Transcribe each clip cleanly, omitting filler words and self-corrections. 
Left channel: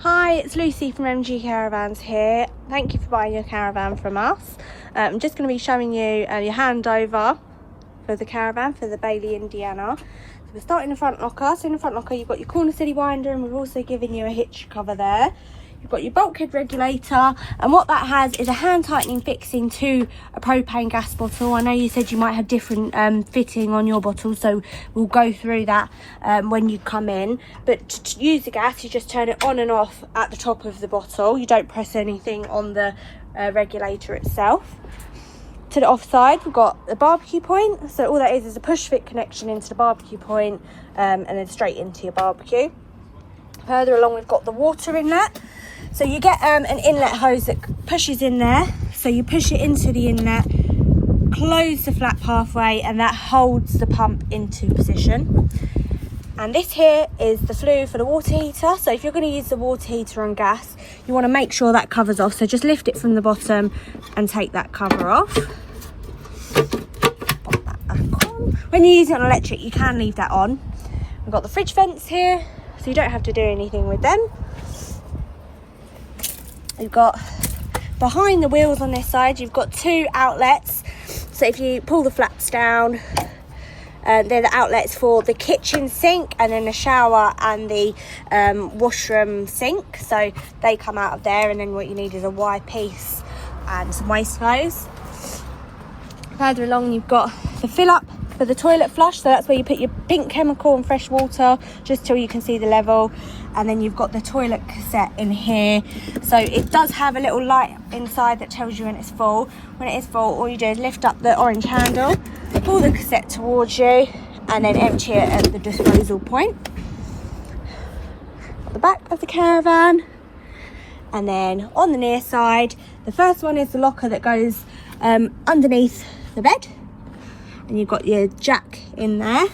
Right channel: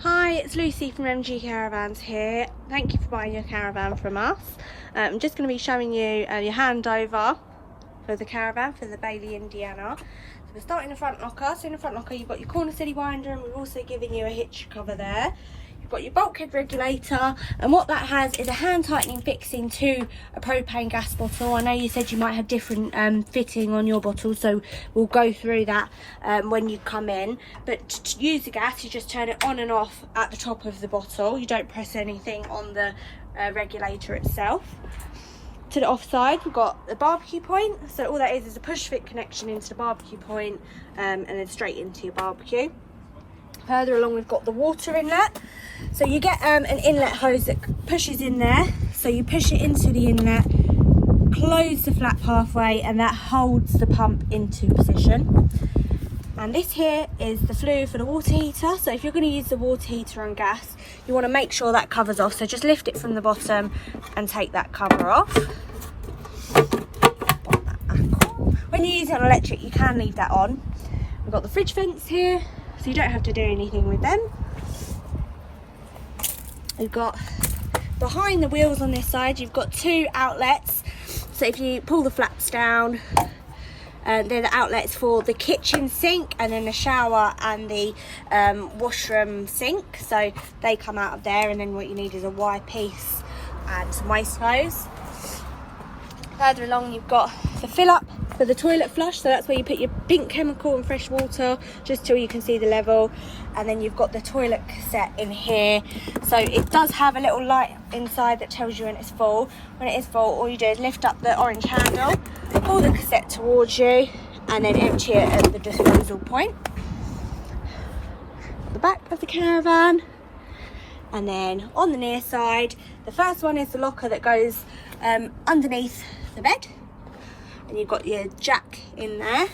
Hi, it's Lucy from MG Caravans here. Thank you for buying your caravan from us. I'm just going to be showing you your handover for the caravan for the Bailey, Indiana. So we're starting the front locker. So in the front locker you've got your corner city winder, and we've also given you a hitch cover there. You've got your bulkhead regulator, and what that has is a hand tightening fixing to a propane gas bottle. I know you said you might have different fitting on your bottle, so we'll go through that when you come in. But to use the gas, you just turn it on and off at the top of the bottle. You don't press anything on the regulator itself. To the offside, we've got the barbecue point. So all that is a push fit connection into the barbecue point, and then straight into your barbecue. Further along, we've got the water inlet. So you get an inlet hose that pushes in there. So you push it into the inlet, close the flap halfway, and that holds the pump into position. And this here is the flue for the water heater. So if you're going to use the water heater on gas, you want to make sure that covers off. So just lift it from the bottom and take that cover off. Pop that back on. When you use it on electric, you can leave that on. We've got the fridge vents here, so you don't have to do anything with them. You've got behind the wheels on this side, you've got two outlets. So if you pull the flaps down, they're the outlets for the kitchen sink, and then the shower and the washroom sink. So they come out of there, and then what you need is a Y piece and some waste hose. Further along, you've got the fill up for the toilet flush. So that's where you put your pink chemical and fresh water, just till you can see the level. And then you've got the toilet cassette in here. So it does have a little light inside that tells you when it's full. When it is full, all you do is lift up the orange handle, pull the cassette towards you, and then empty it at the disposal point. Got the back of the caravan. And then on the near side, the first one is the locker that goes underneath the bed. And you've got your jack in there.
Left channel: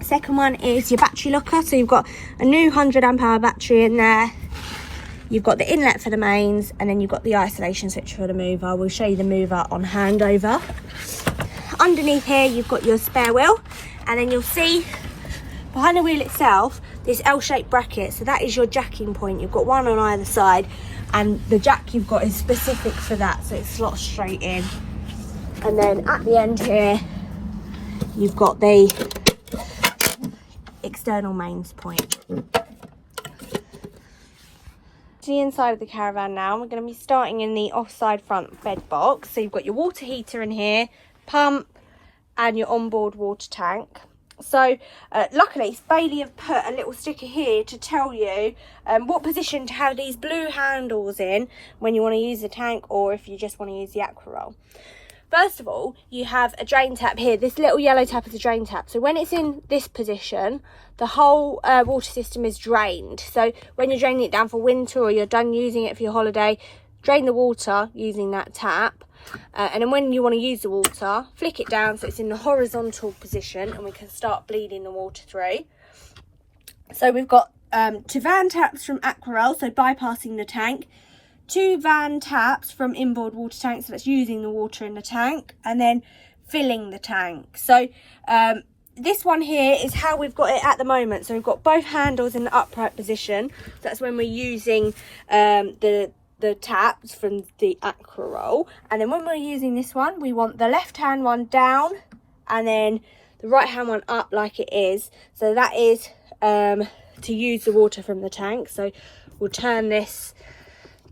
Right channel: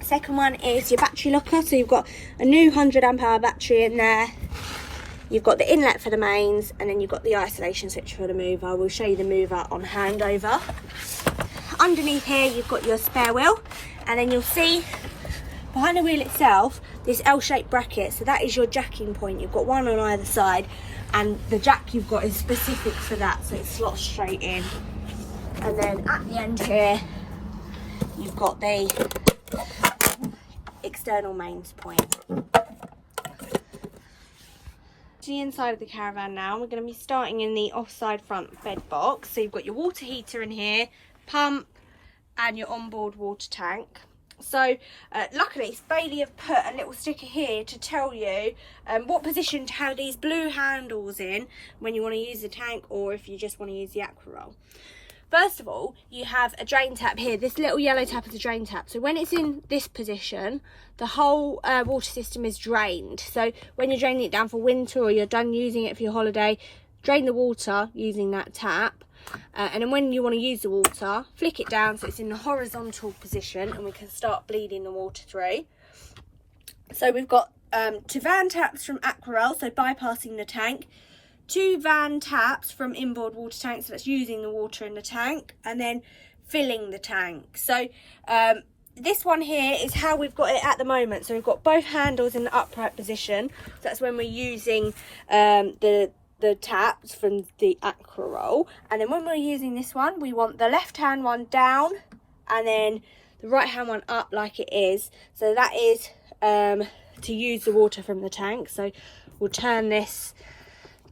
Second one is your battery locker. So you've got a new 100 amp hour battery in there. You've got the inlet for the mains, and then you've got the isolation switch for the mover. We'll show you the mover on handover. Underneath here, you've got your spare wheel, and then you'll see behind the wheel itself this L-shaped bracket. So that is your jacking point. You've got one on either side, and the jack you've got is specific for that, so it slots straight in. And then at the end here, you've got the external mains point. To the inside of the caravan now, we're going to be starting in the offside front bed box. So you've got your water heater in here, pump, and your onboard water tank. So luckily Bailey have put a little sticker here to tell you what position to have these blue handles in when you want to use the tank, or if you just want to use the aqua roll. First of all, you have a drain tap here. This little yellow tap is a drain tap. So when it's in this position, the whole water system is drained. So when you're draining it down for winter, or you're done using it for your holiday, drain the water using that tap. And then when you want to use the water, flick it down so it's in the horizontal position, and we can start bleeding the water through. So we've got 2 van taps from Aquarel, so bypassing the tank. 2 van taps from inboard water tanks, so that's using the water in the tank, and then filling the tank. So this one here is how we've got it at the moment. So we've got both handles in the upright position. So that's when we're using the taps from the Aquarel. And then when we're using this one, we want the left hand one down, and then the right hand one up like it is. So that is to use the water from the tank. So we'll turn this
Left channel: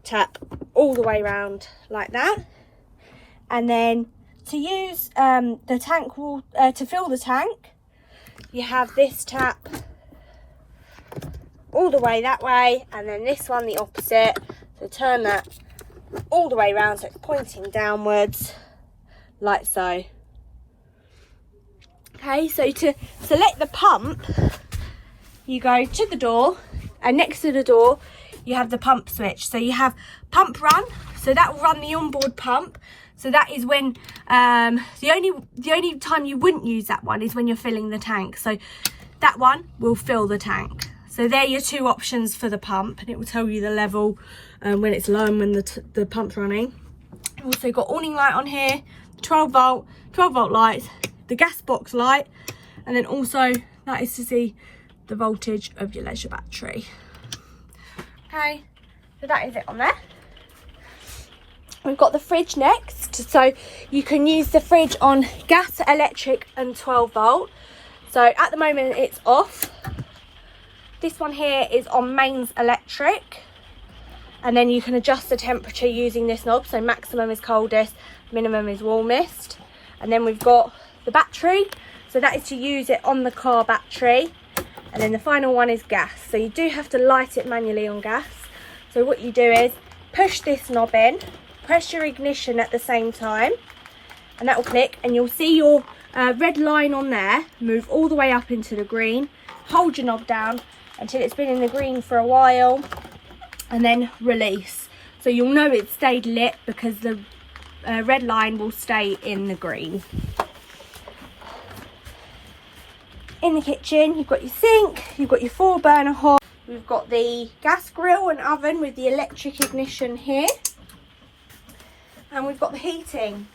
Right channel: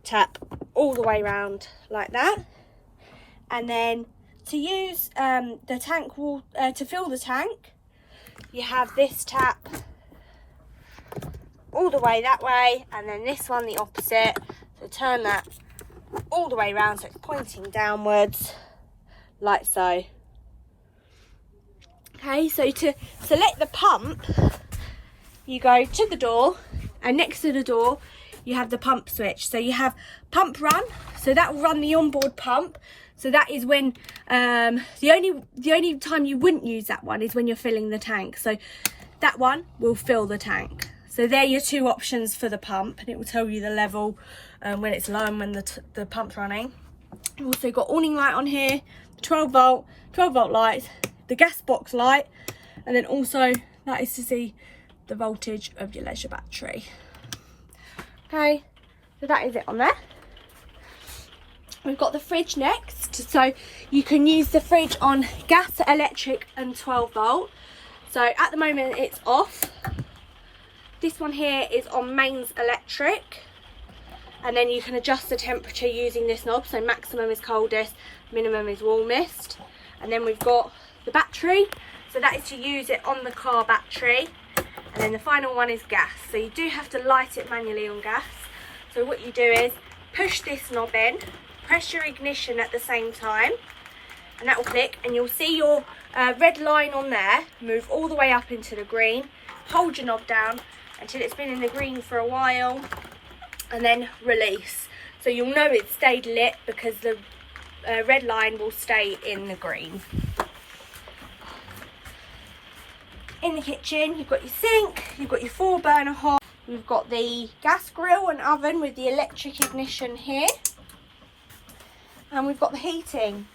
tap all the way around like that, and then to use the tank to fill the tank, you have this tap all the way that way, and then this one the opposite. So turn that all the way around so it's pointing downwards like so. Okay, so to select the pump, you go to the door, and next to the door you have the pump switch. So you have pump run, so that will run the onboard pump. So that is when the only time you wouldn't use that one is when you're filling the tank. So that one will fill the tank. So they're your 2 options for the pump, and it will tell you the level when it's low and when the pump's running. We've also got awning light on here, 12 volt lights, the gas box light, and then also that is to see the voltage of your leisure battery. Okay, so that is it on there. We've got the fridge next, so you can use the fridge on gas, electric and 12 volt. So at the moment it's off. This one here is on mains electric, and then you can adjust the temperature using this knob. So maximum is coldest, minimum is warmest. And then we've got the battery, so that is to use it on the car battery. And then the final one is gas, so you do have to light it manually on gas. So what you do is push this knob in, press your ignition at the same time, and that will click, and you'll see your red line on there move all the way up into the green. Hold your knob down until it's been in the green for a while, and then release. So you'll know it's stayed lit because the red line will stay in the green. In the kitchen, you've got your sink, you've got your 4-burner hob, we've got the gas grill and oven with the electric ignition here, and we've got the heating.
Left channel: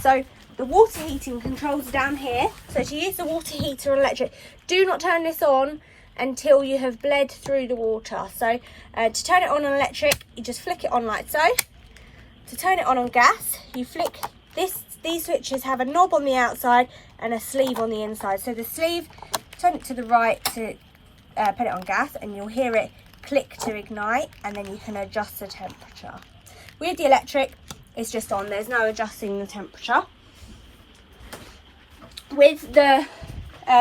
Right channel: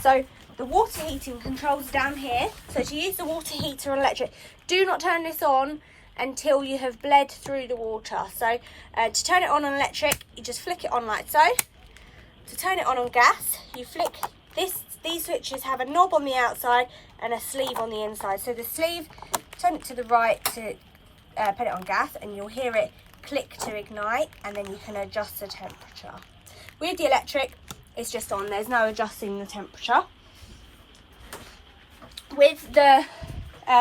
So the water heating controls down here. So to use the water heater electric, do not turn this on until you have bled through the water. So to turn it on electric, you just flick it on like so. To turn it on gas, you flick this. These switches have a knob on the outside and a sleeve on the inside. So the sleeve, turn it to the right to put it on gas, and you'll hear it click to ignite, and then you can adjust the temperature. With the electric, it's just on, there's no adjusting the temperature. With the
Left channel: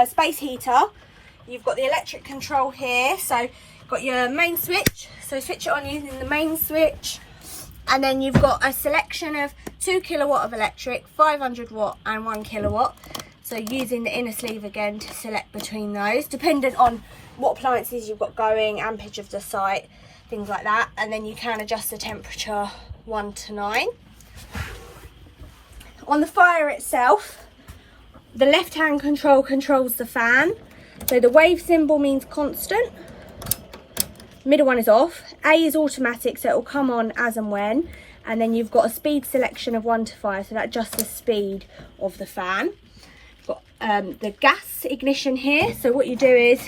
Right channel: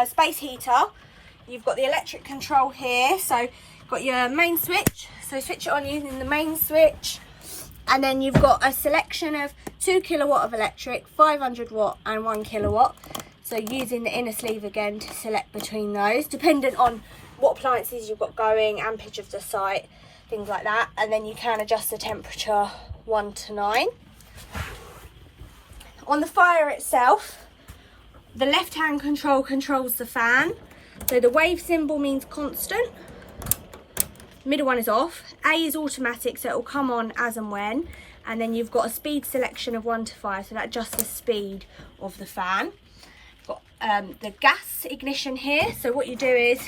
space heater, you've got the electric control here. So you've got your main switch, so switch it on using the main switch, and then you've got a selection of 2 kilowatt of electric, 500 watt and 1 kilowatt. So using the inner sleeve again to select between those, dependent on what appliances you've got going, ampage of the site, things like that. And then you can adjust the temperature 1 to 9. On the fire itself, the left hand control controls the fan. So the wave symbol means constant. Middle one is off. A is automatic, so it will come on as and when. And then you've got a speed selection of 1 to 5, so that adjusts the speed of the fan. You've got the gas ignition here. So what you do is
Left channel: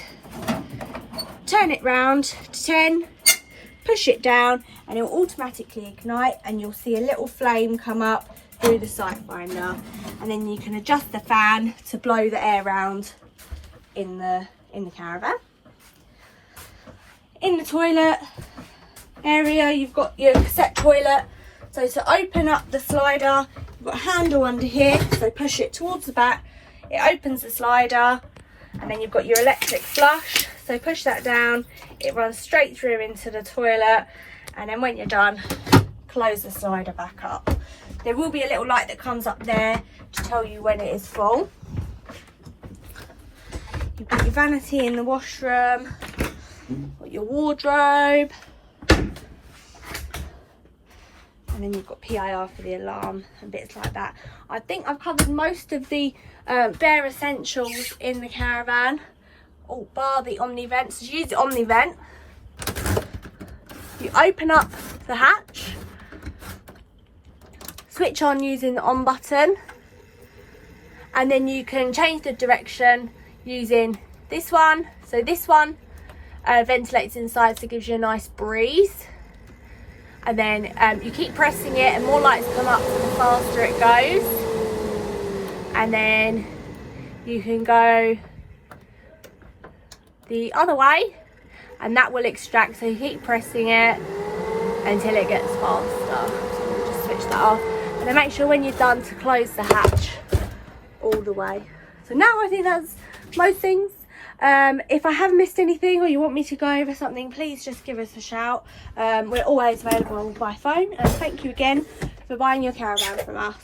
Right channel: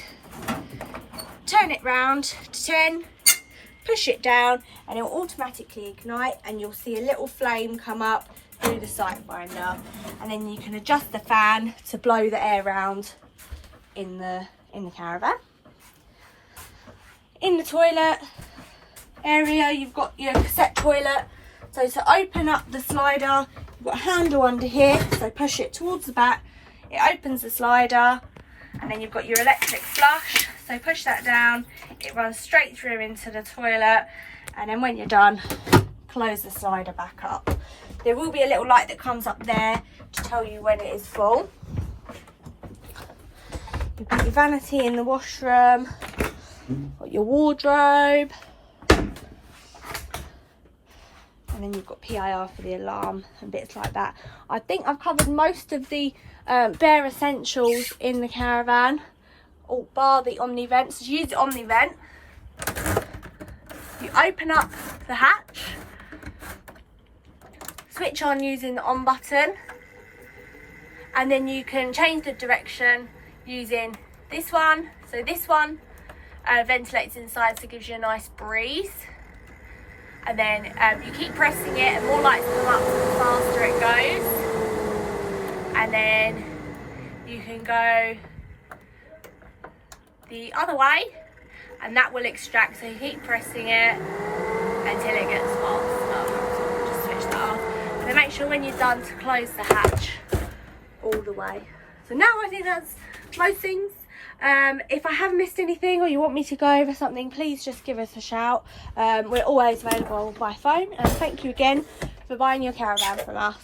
turn it round to 10, push it down, and it will automatically ignite, and you'll see a little flame come up through the sight finder. And then you can adjust the fan to blow the air round in the caravan. In the toilet area, you've got your cassette toilet. So to open up the slider, you've got a handle under here, so push it towards the back, it opens the slider, and then you've got your electric flush, so push that down, it runs straight through into the toilet, and then when you're done, close the slider back up. There will be a little light that comes up there to tell you when it is full. You've got your vanity in the washroom, got your wardrobe, and then you've got PIR for the alarm and bits like that. I think I've covered most of the bare essentials in the caravan, bar the Omni vent. So to use the Omni vent, you open up the hatch, switch on using the on button, and then you can change the direction using this one. So this one ventilates inside, so it gives you a nice breeze. And then you keep pressing it, and more lights come up the faster it goes. And then you can go the other way, and that will extract. So you keep pressing it until it gets faster. Just switch that off, and then make sure when you're done to close the hatch all the way. So now I think that's most things. If I have missed anything, or you want me to go over something, please just give us a shout. We're always available by phone. And thank you again for buying your caravan from us.